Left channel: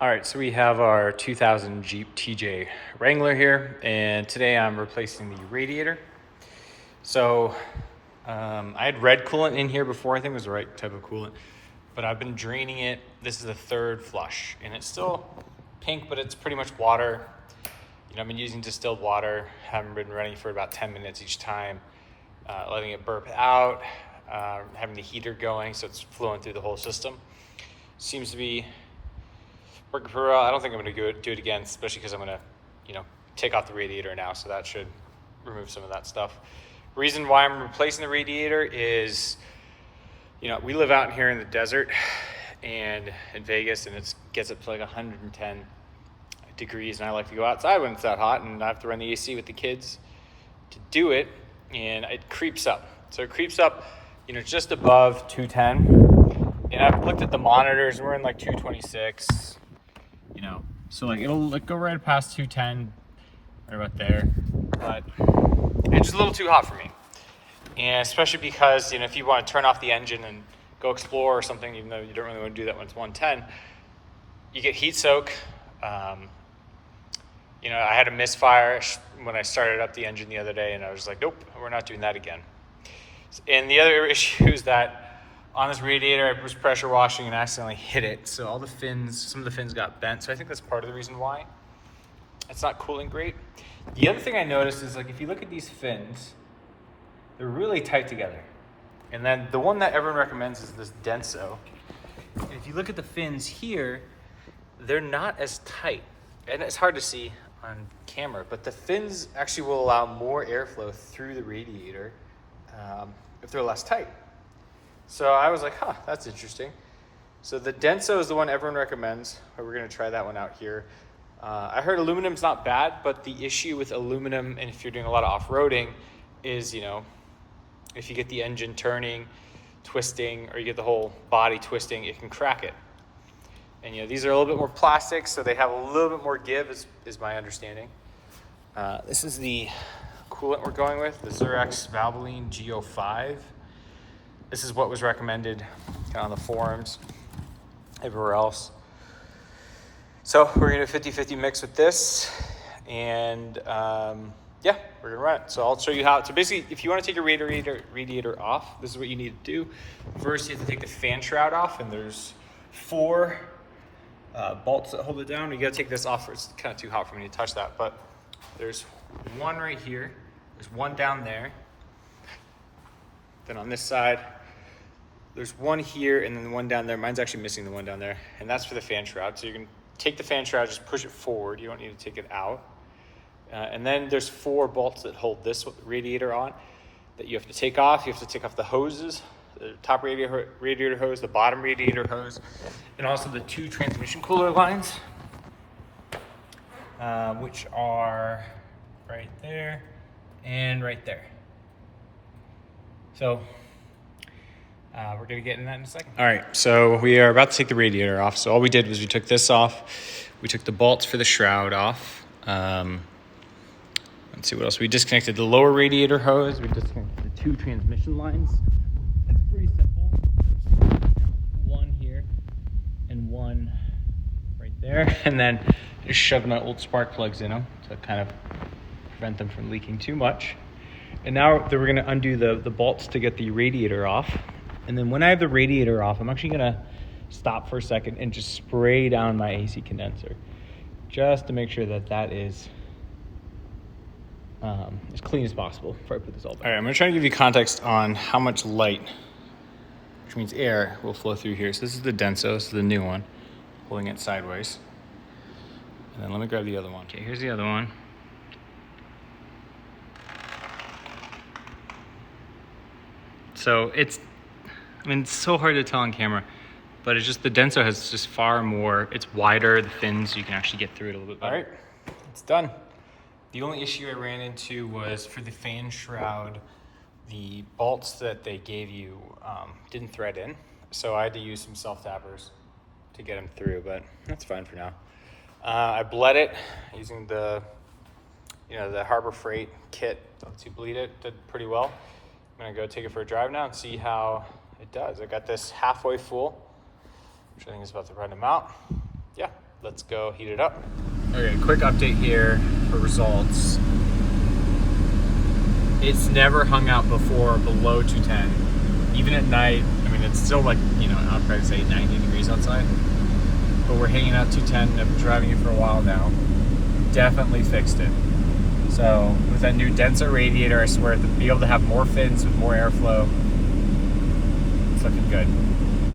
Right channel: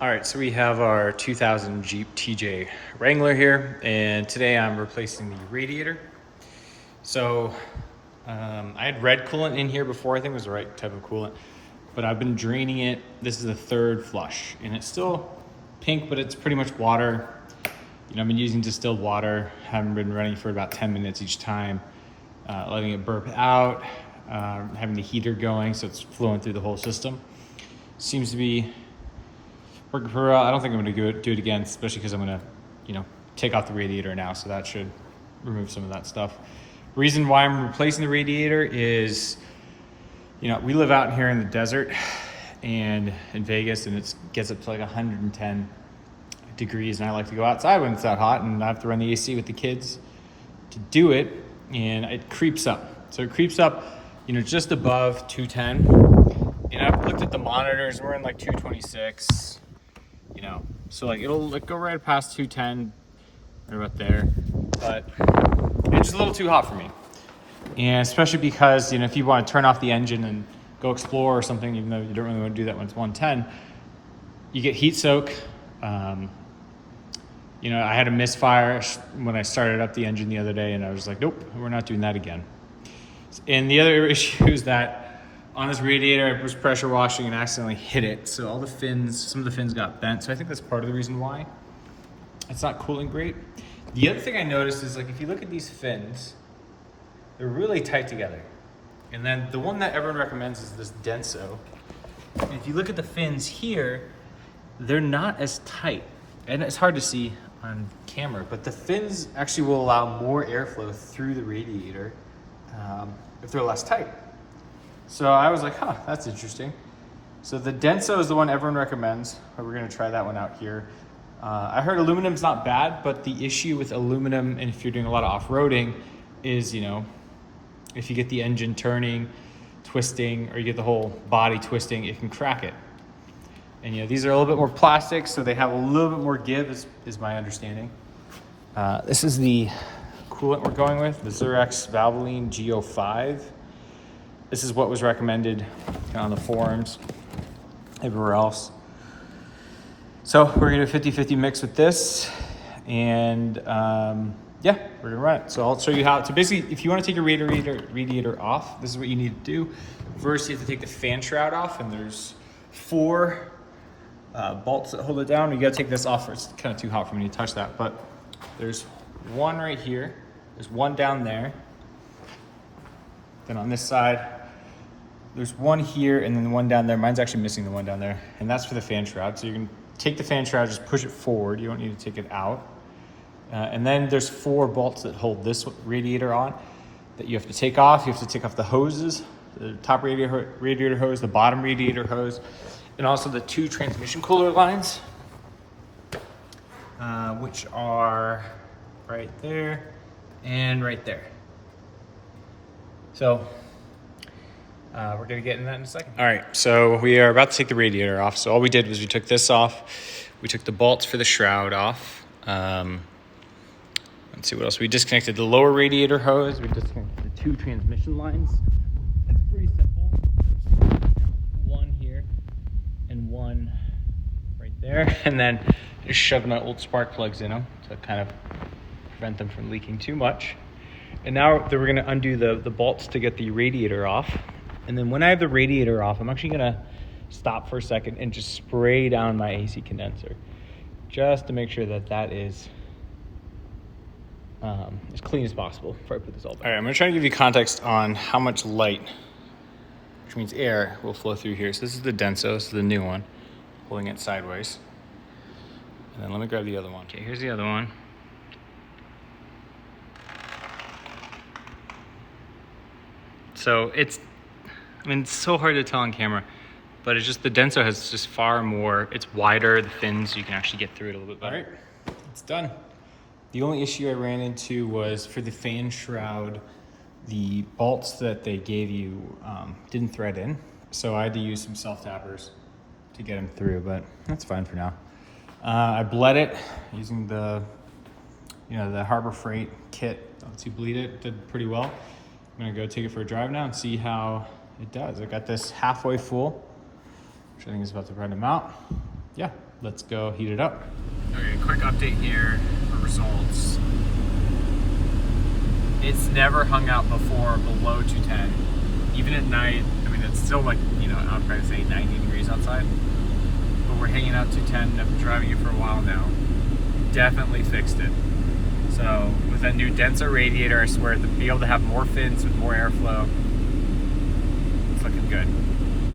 All right, so we have our 2000 Jeep TJ Wrangler here, and today I'm replacing the radiator. So I had red coolant in here before. I think it was the right type of coolant, but I've been draining it. This is the third flush, and it's still pink, but it's pretty much water. You know, I've been using distilled water. Haven't been running for about 10 minutes each time, letting it burp out, having the heater going so it's flowing through the whole system. Seems to be working for I don't think I'm going to do it again, especially because I'm going to, take off the radiator now, so that should remove some of that stuff. Reason why I'm replacing the radiator is, we live out here in the desert and in Vegas, and it gets up to like 110 degrees, and I like to go outside when it's that hot, and I have to run the AC with the kids to do it, and it creeps up. So it creeps up, just above 210, and I've looked at the monitors, we're in like 226. So like it'll go right past 210 or about there, but it's just a little too hot for me. And especially because, if you want to turn off the engine and go explore or something, even though you don't really want to do that when it's 110, you get heat soak. I had a misfire when I started up the engine the other day, and I was like, nope, we're not doing that again. And the other issue is that on this radiator, I was pressure washing and accidentally hit it. So all the fins, some of the fins got bent. So I think that's part of the reason why it's not cooling great. The other thing I noticed is, like, if you look at these fins, they're really tight together. And then the one that everyone recommends is this Denso. And if you look at the fins here, they're not as tight. And it's hard to see on camera, but the fins actually will allow more airflow through the radiator if they're less tight. So I was like, that's interesting. So the Denso is the one everyone recommends. We're gonna try that one out here. I heard aluminum's not bad, but the issue with aluminum, and if you're doing a lot of off-roading, is, if you get the engine turning, twisting, or you get the whole body twisting, it can crack it. And these are a little bit more plastic, so they have a little bit more give, is my understanding. This is the coolant we're going with, the Zurex Valvoline Go5. This is what was recommended on the forums, everywhere else. So we're gonna 50-50 mix with this, and we're gonna run it. So I'll show you how to basically, if you wanna take your radiator off, this is what you need to do. First, you have to take the fan shroud off, and there's 4 bolts that hold it down. You gotta take this off, it's kind of too hot for me to touch that, but there's one right here, there's one down there. Then on this side, there's one here, and then the one down there. Mine's actually missing the one down there, and that's for the fan shroud. So you can take the fan shroud, just push it forward. You don't need to take it out. And then there's 4 bolts that hold this radiator on that you have to take off. You have to take off the hoses, the top radiator hose, the bottom radiator hose, and also the 2 transmission cooler lines, which are right there and right there. So we're gonna get into that in a second. All right, so we are about to take the radiator off. So all we did was we took this off. We took the bolts for the shroud off. Let's see what else. We disconnected the lower radiator hose. We disconnected the 2 transmission lines. It's pretty simple. There's one here and one right there. And then just shoving my old spark plugs in them to kind of prevent them from leaking too much. And now we're gonna undo the bolts to get the radiator off. And then when I have the radiator off, I'm actually gonna stop for a second and just spray down my AC condenser, just to make sure that is as clean as possible before I put this all back. All right, I'm gonna try to give you context on how much light, which means air, will flow through here. So this is the Denso, this is the new one, holding it sideways. And then let me grab the other one. Okay, here's the other one. So it's so hard to tell on camera, but it's just the Denso has just far more, it's wider, the fins, you can actually get through it a little bit better. All right, it's done. The only issue I ran into was for the fan shroud, the bolts that they gave you didn't thread in, so I had to use some self-tappers to get them through, but that's fine for now. I bled it using the Harbor Freight kit that lets you bleed it. Did pretty well. I'm gonna go take it for a drive now and see how it does. I got this halfway full, which I think is about the right amount. yeah, let's go heat it up. Okay, quick update here for results. It's never hung out before below 210. Even at night, I mean, it's still like, you know, I'd probably say 90 degrees outside. But we're hanging out 210. I've been driving it for a while now. Definitely fixed it. So with that new Denso radiator, I swear to be able to have more fins with more airflow. It's looking good.